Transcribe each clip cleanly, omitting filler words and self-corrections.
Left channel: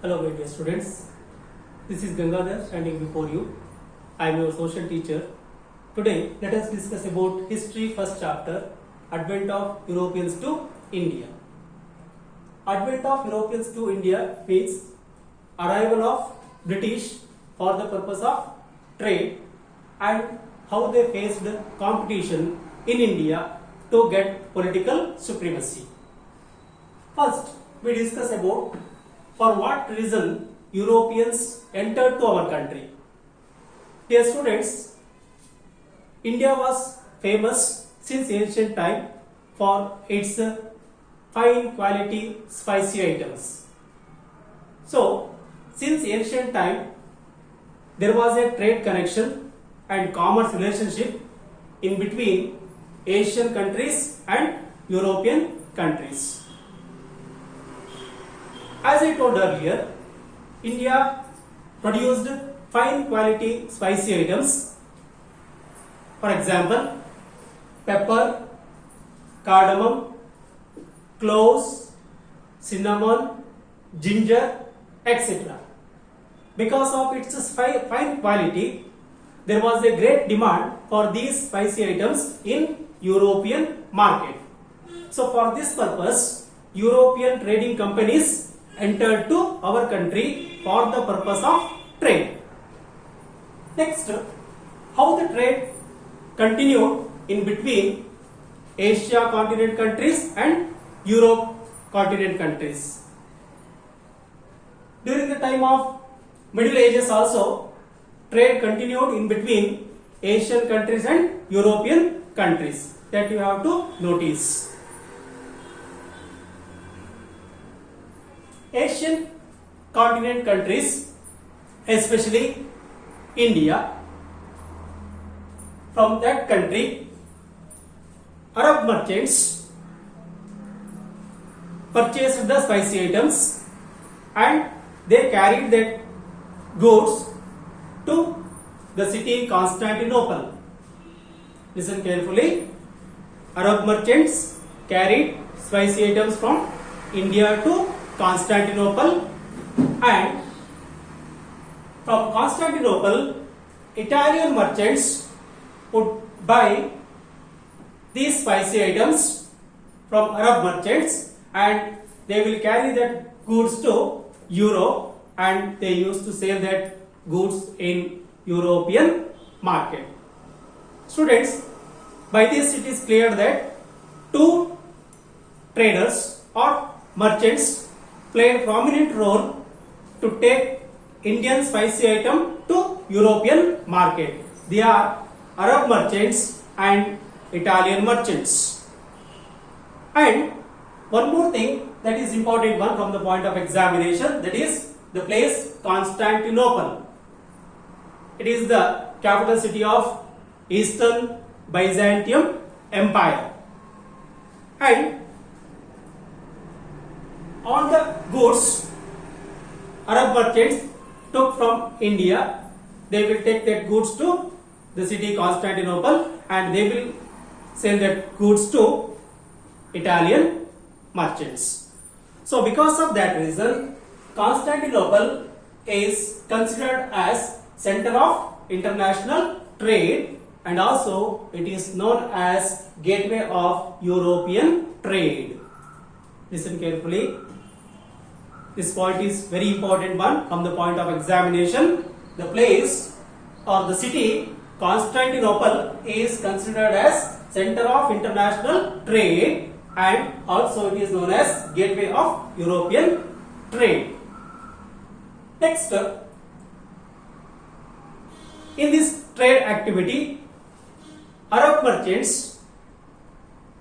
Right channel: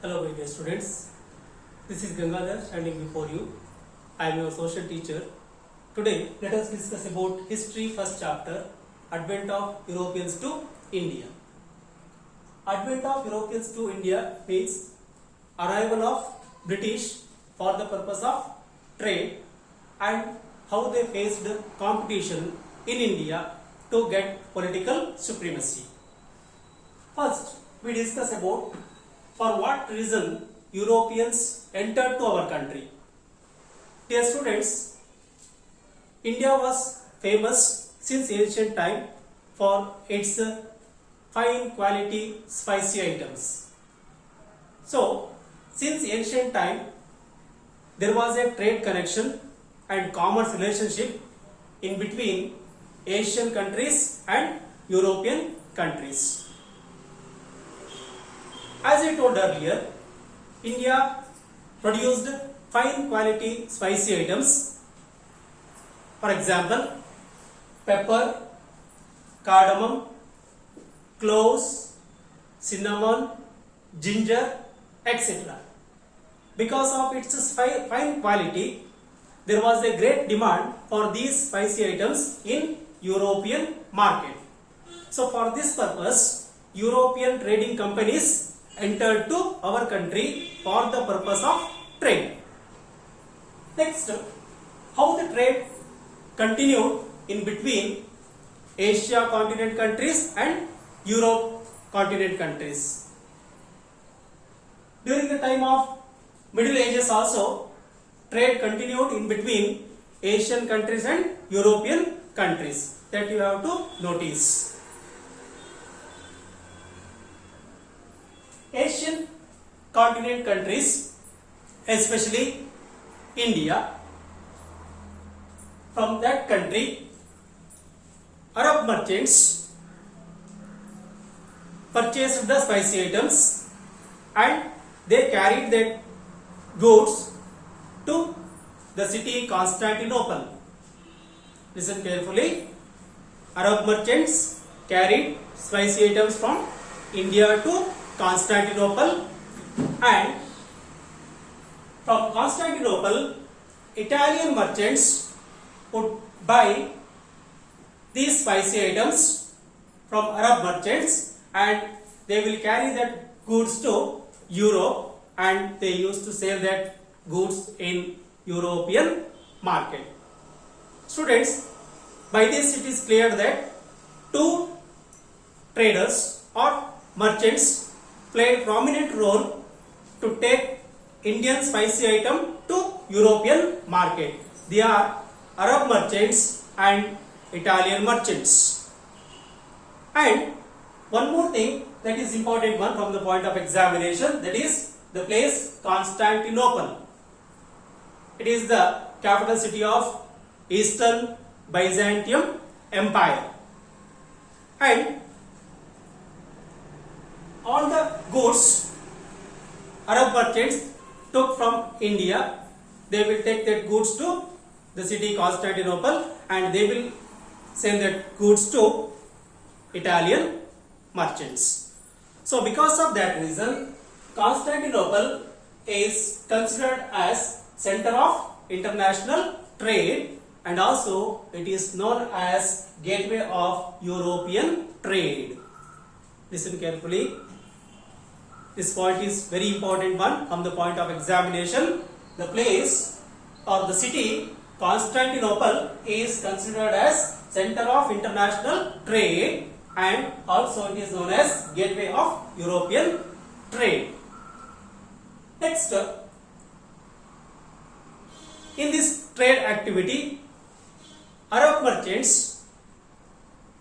Hello my dear students, this is Gangadhar standing before you. I am your social teacher. Today let us discuss about history first chapter, Advent of Europeans to India. Advent of Europeans to India means arrival of British for the purpose of trade and how they faced competition in India to get political supremacy. First, we discuss about for what reason Europeans entered to our country. Dear students, India was famous since ancient time for its fine quality spicy items. So, since ancient time, there was a trade connection and commerce relationship in between Asian countries and European countries. As I told earlier, India produced fine quality spicy items. For example, pepper, cardamom, cloves, cinnamon, ginger, etc. Because of its fine quality, there was a great demand for these spicy items in European market. So for this purpose, European trading companies entered to our country for the purpose of trade. Next, how the trade continued in between Asia continent countries and Europe continent countries. During the time of Middle Ages also, trade continued in between Asian countries and European countries. That you have to notice. Asian continent countries, especially India, from that country, Arab merchants purchased the spicy items and they carried their goods to the city Constantinople. Listen carefully. Arab merchants carried spicy items from India to Constantinople, and from Constantinople, Italian merchants would buy these spicy items from Arab merchants and they will carry that goods to Europe and they used to sell that goods in European market. Students, by this it is clear that two traders or merchants play a prominent role to take Indian spicy item to European market. They are Arab merchants and Italian merchants. And one more thing that is important one from the point of examination, that is the place Constantinople. It is the capital city of Eastern Byzantium Empire. And all the goods Arab merchants took from India, they will take that goods to the city Constantinople and they will sell that goods to Italian merchants. So because of that reason, Constantinople is considered as center of international trade and also it is known as gateway of European trade. Listen carefully. This point is very important one from the point of examination. The place or the city Constantinople is considered as center of international trade and also it is known as gateway of European trade. Next, in this trade activity, Arab merchants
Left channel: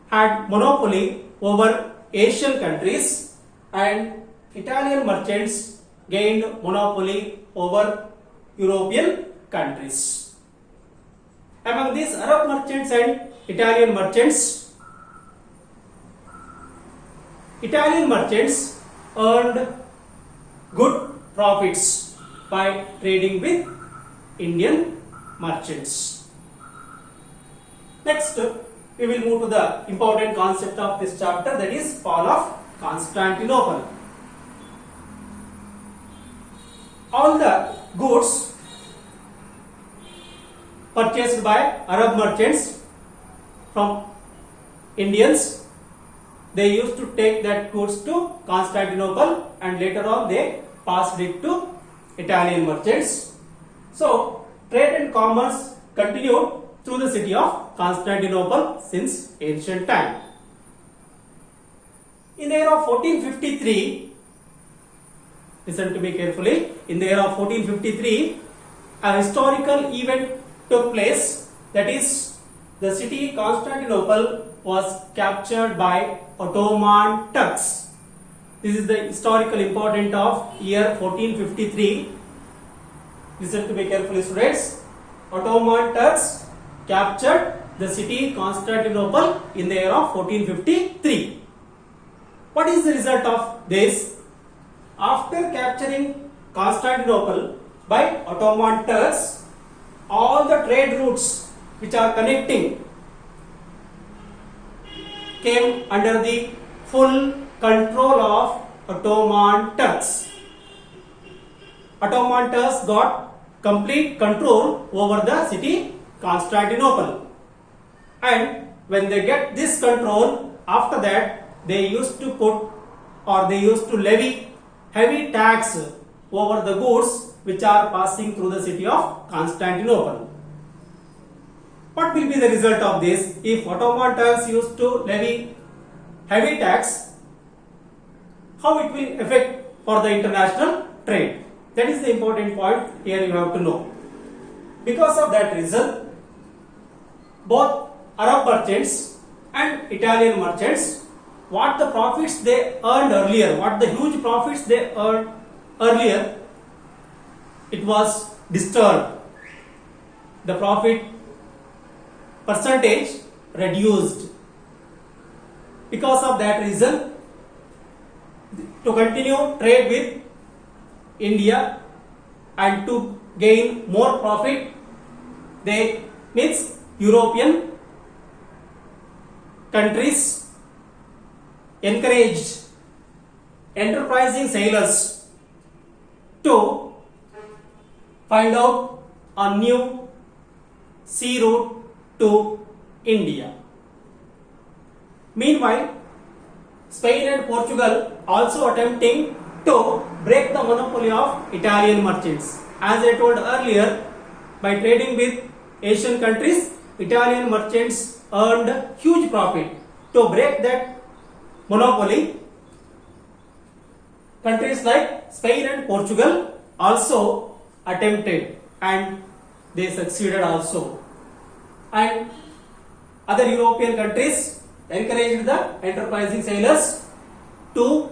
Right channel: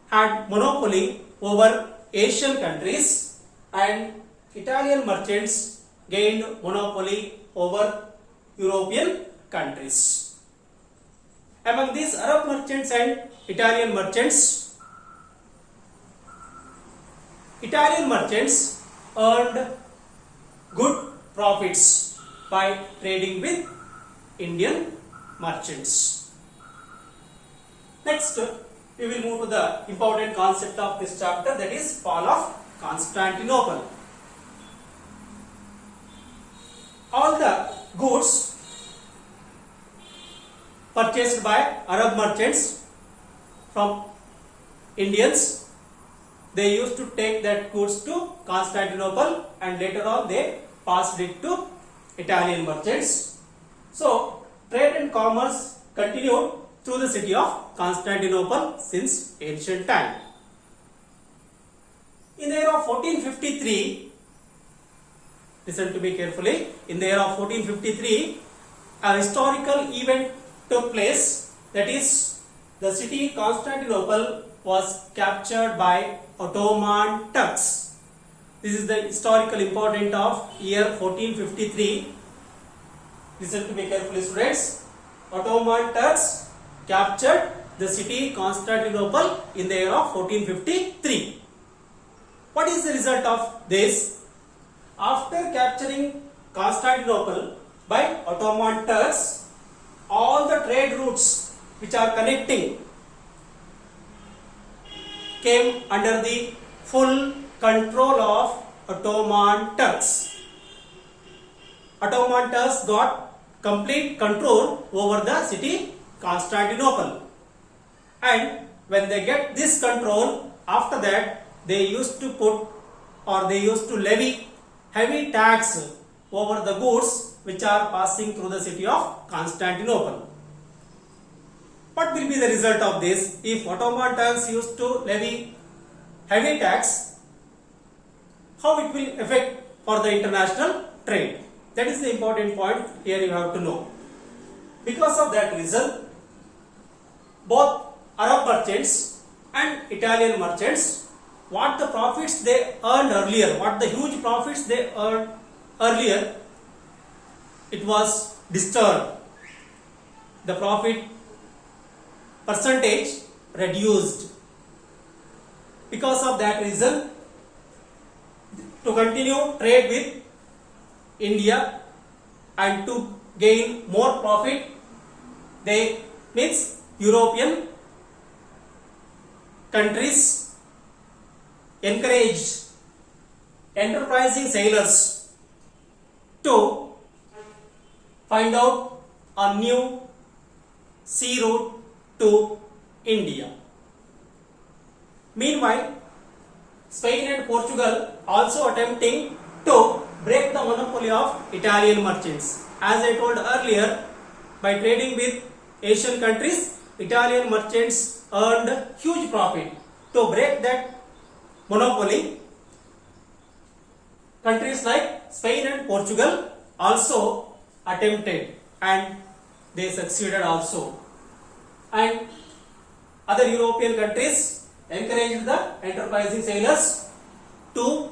had monopoly over Asian countries and Italian merchants gained monopoly over European countries. Among these Arab merchants and Italian merchants earned good profits by trading with Indian merchants. Next, we will move to the important concept of this chapter, that is fall of Constantinople. all the goods purchased by Arab merchants from Indians, they used to take that goods to Constantinople and later on they passed it to Italian merchants. So trade and commerce continued through the city of Constantinople since ancient time. In the year of 1453, listen to me carefully, in the year of 1453, a historical event took place, that is, the city Constantinople was captured by Ottoman Turks. This is the historical importance of year 1453. Listen to me carefully, students. Ottoman Turks captured the city Constantinople in the year of 1453. What is the result of this? After capturing Constantinople by Ottoman Turks, all the trade routes which are connecting came under the full control of Ottoman Turks. Ottoman Turks got complete control over the city Constantinople, and when they get this control, after that they used to put or they used to levy heavy tax over the goods which are passing through the city of Constantinople. What will be the result of this? If Ottoman Turks used to levy heavy tax, how it will affect for the international trade? That is the important point here you have to know. Because of that reason, both Arab merchants and Italian merchants, what the profits they earned earlier, what the huge profits they earned earlier, it was disturbed. The profit percentage reduced. Because of that reason, to continue trade with India and to gain more profit, they means European countries encouraged enterprising sailors to find out a new sea route to India. Meanwhile, Spain and Portugal also attempting to break the monopoly of Italian merchants. As I told earlier, by trading with Asian countries, Italian merchants earned huge profit. To break that monopoly, countries like Spain and Portugal also attempted and they succeeded also. And other European countries encouraged the enterprising sailors to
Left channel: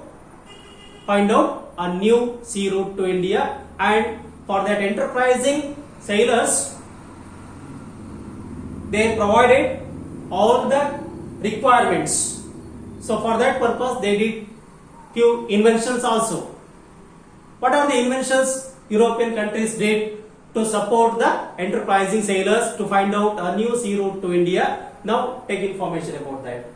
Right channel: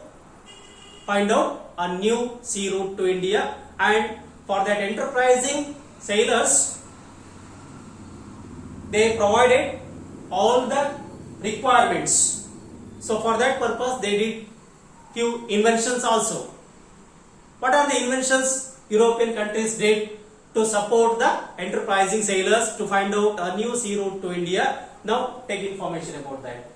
find out a new sea route to India, and for that enterprising sailors they provided all the requirements. So for that purpose they did few inventions also. What are the inventions European countries did to support the enterprising sailors to find out a new sea route to India? Now take information about that.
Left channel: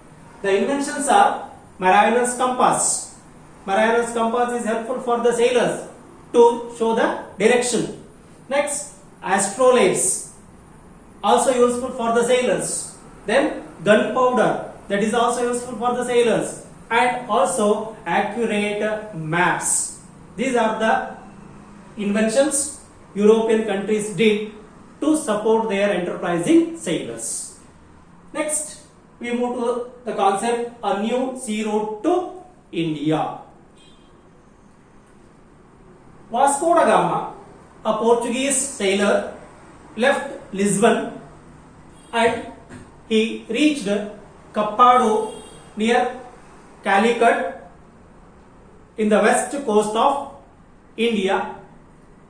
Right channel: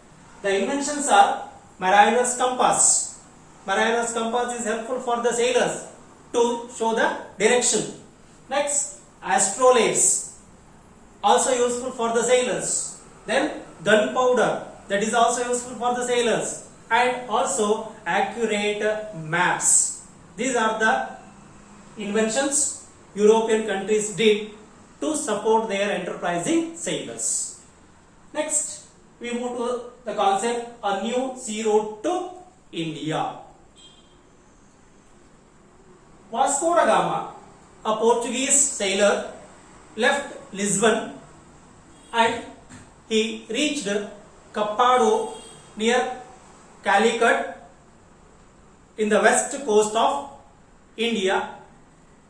The inventions are Marianer's compass. Marianer's compass is helpful for the sailors to show the direction. Next, astrolabes, also useful for the sailors. Then gunpowder, that is also useful for the sailors. And also accurate maps. These are the inventions European countries did to support their enterprising sailors. Next, we move to the concept a new sea route to India. Vasco da Gama, a Portuguese sailor, left Lisbon and he reached Cappado near Calicut in the west coast of India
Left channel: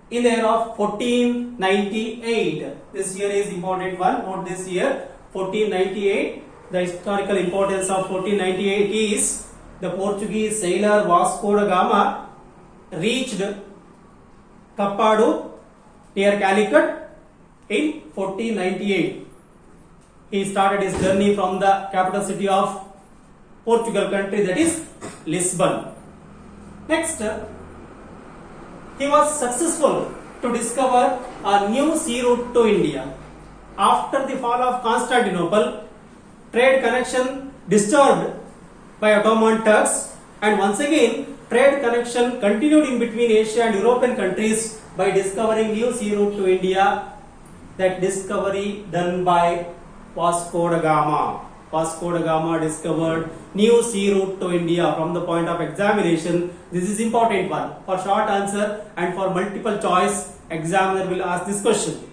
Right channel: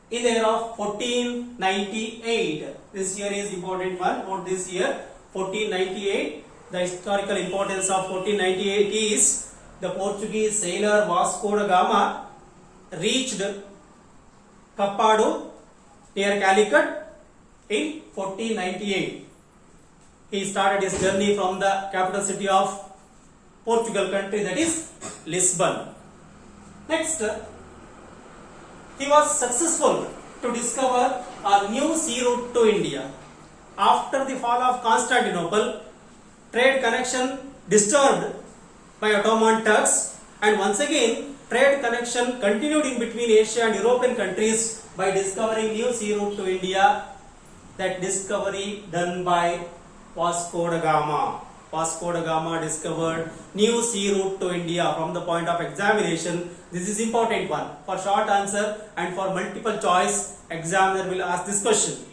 in the year of 1498. This year is important one. Note this year 1498. The historical importance of 1498 is the Portuguese sailor Vasco da Gama reached Cappado near Calicut in 1498. He started his journey from the capital city of Portugal country, that is Lisbon. Next, he was successful to discover a new sea route to India. After the fall of Constantinople, trade connection disturbed by Ottoman Turks, and once again trade connection continued in between Asia and European countries by discovering new sea route to India. That discovery done by Vasco da Gama. Vasco da Gama discovered new sea route to India. From the point of examination, this is important one. For short answer and for multiple choice, examiner will ask this question.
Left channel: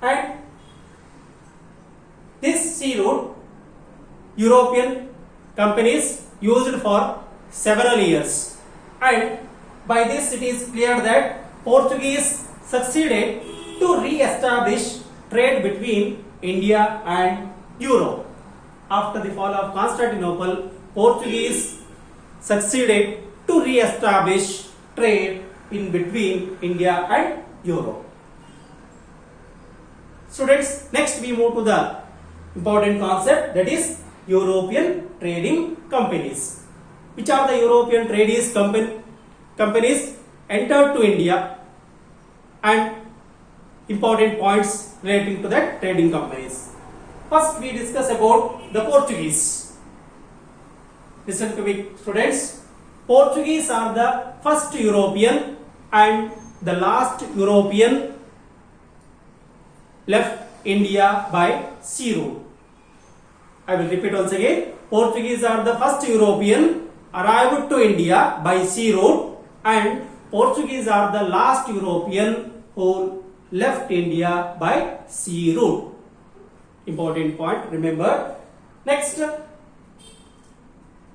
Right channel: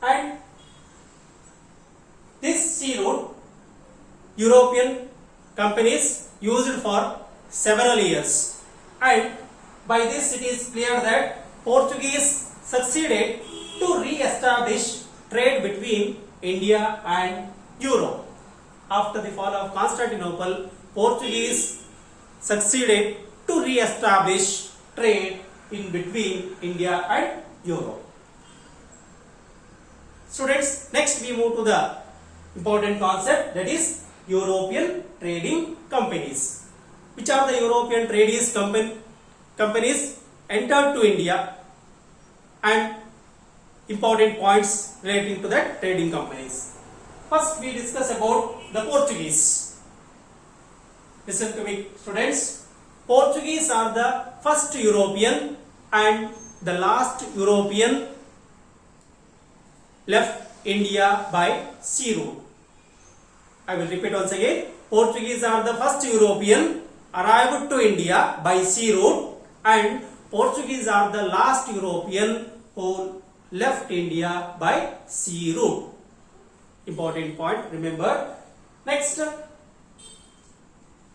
And this sea route, European companies used for several years, and by this it is clear that Portuguese succeeded to re-establish trade between India and Europe. After the fall of Constantinople, Portuguese succeeded to re-establish trade in between India and Europe. Students, next we move to the important concept, that is European trading companies. Which are the European trading companies entered to India, and important points relating to that trading companies. First we discuss about the Portuguese. Listen to me, students. Portuguese are the first European and the last European left India by sea route. I will repeat once again. Portuguese are the first European arrived to India by sea route, and Portuguese are the last European who left India by sea route. Important point, remember. Next,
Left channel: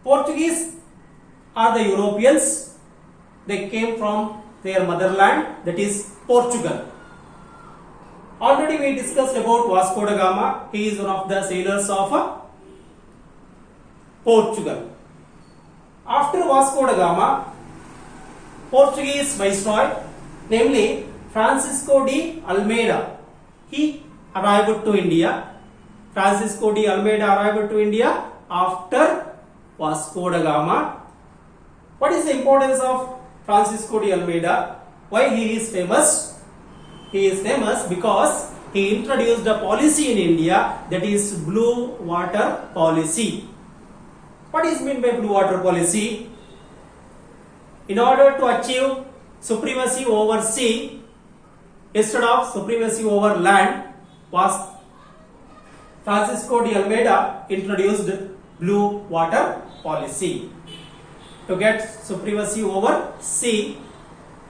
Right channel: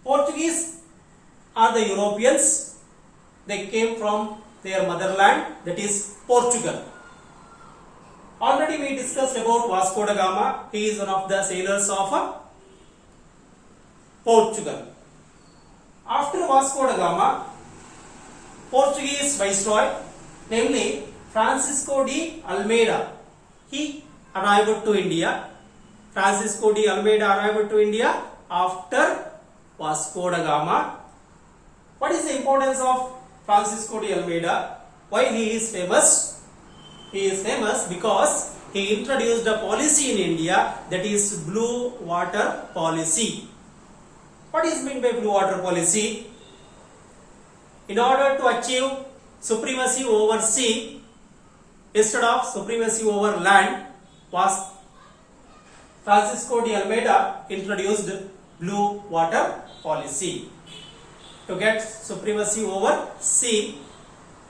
Portuguese are the Europeans. They came from their motherland, that is Portugal. Already we discussed about Vasco da Gama. He is one of the sailors of Portugal. After Vasco da Gama, Portuguese viceroy, namely Francisco de Almeida, he arrived to India. Francisco de Almeida arrived to India after Vasco da Gama. What is the importance of Francisco de Almeida? Why he is famous? He is famous because he introduced the policy in India, that is blue water policy. What is meant by blue water policy? In order to achieve supremacy over sea instead of supremacy over land, was Francisco de Almeida introduced blue water policy to get supremacy over sea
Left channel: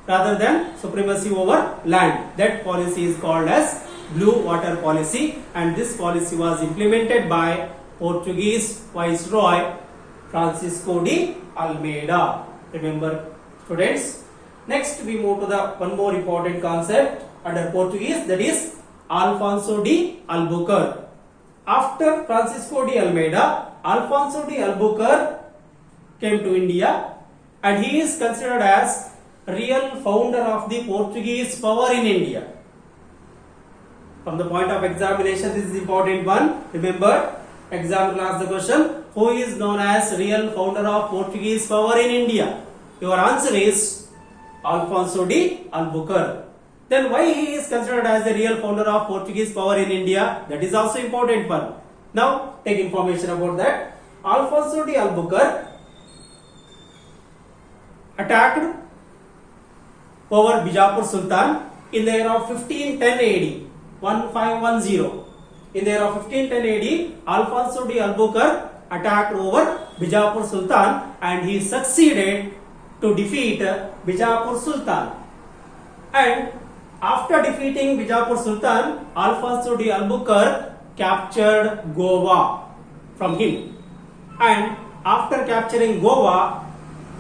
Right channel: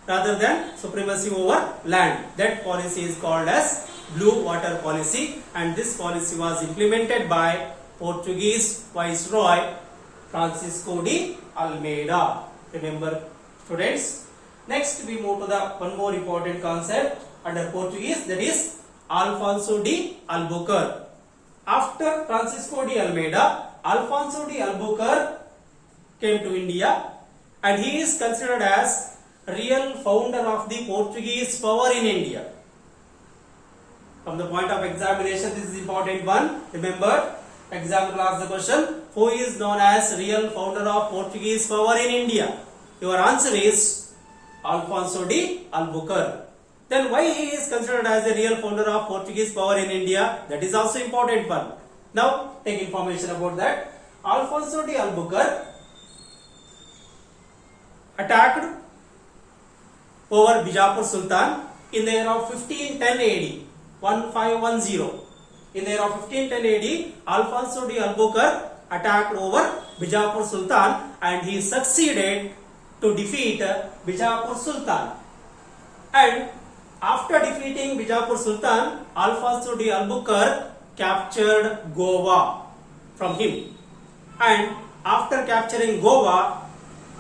rather than supremacy over land. That policy is called as blue water policy, and this policy was implemented by Portuguese viceroy Francisco de Almeida. Remember, students. Next we move to the one more important concept under Portuguese, that is Alfonso de Albuquerque. After Francisco de Almeida, Alfonso de Albuquerque came to India, and he is considered as real founder of the Portuguese power in India. From the point of examination, this is important one. Remember, exam will ask the question, who is known as real founder of Portuguese power in India? Your answer is Alfonso de Albuquerque. Then why he is considered as the real founder of Portuguese power in India? That is also important one. Now take information about that. Alfonso de Albuquerque attacked over Bijapur Sultan in the year of 1510 AD. 1510. In the year of 1510 AD, Alfonso de Albuquerque attacked over Bijapur Sultan, and he succeeded to defeat Bijapur Sultan. And after defeating Bijapur Sultan, Alfonso de Albuquerque captured Goa from him. And after capturing Goa,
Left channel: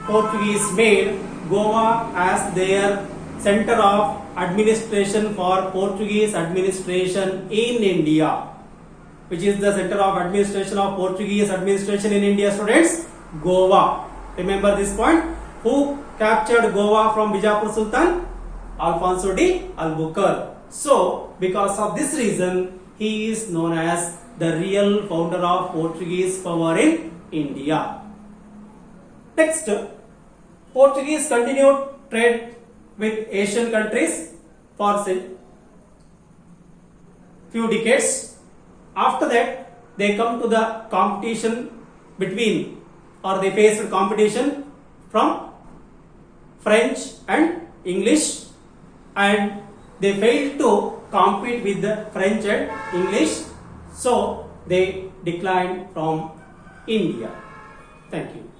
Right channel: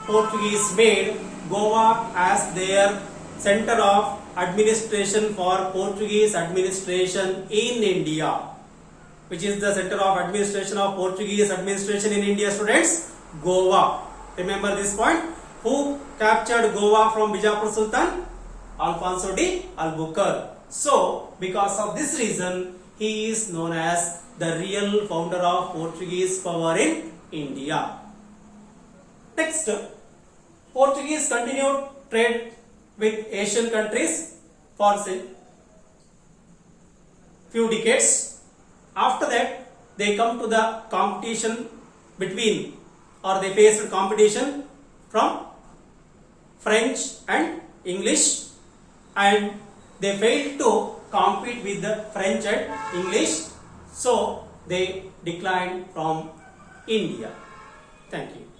Portuguese made Goa as their center of administration for Portuguese administration in India. Which is the center of administration of Portuguese administration in India, students? Goa. Remember this point. Who captured Goa from Bijapur Sultan? Alfonso de Albuquerque. So, because of this reason, he is known as the real founder of Portuguese power in India. Next, Portuguese continued trade with Asian countries for few decades. After that, they come to the competition between, or they faced competition from French and English, and they failed to compete with the French and English, so they declined from India. Thank you.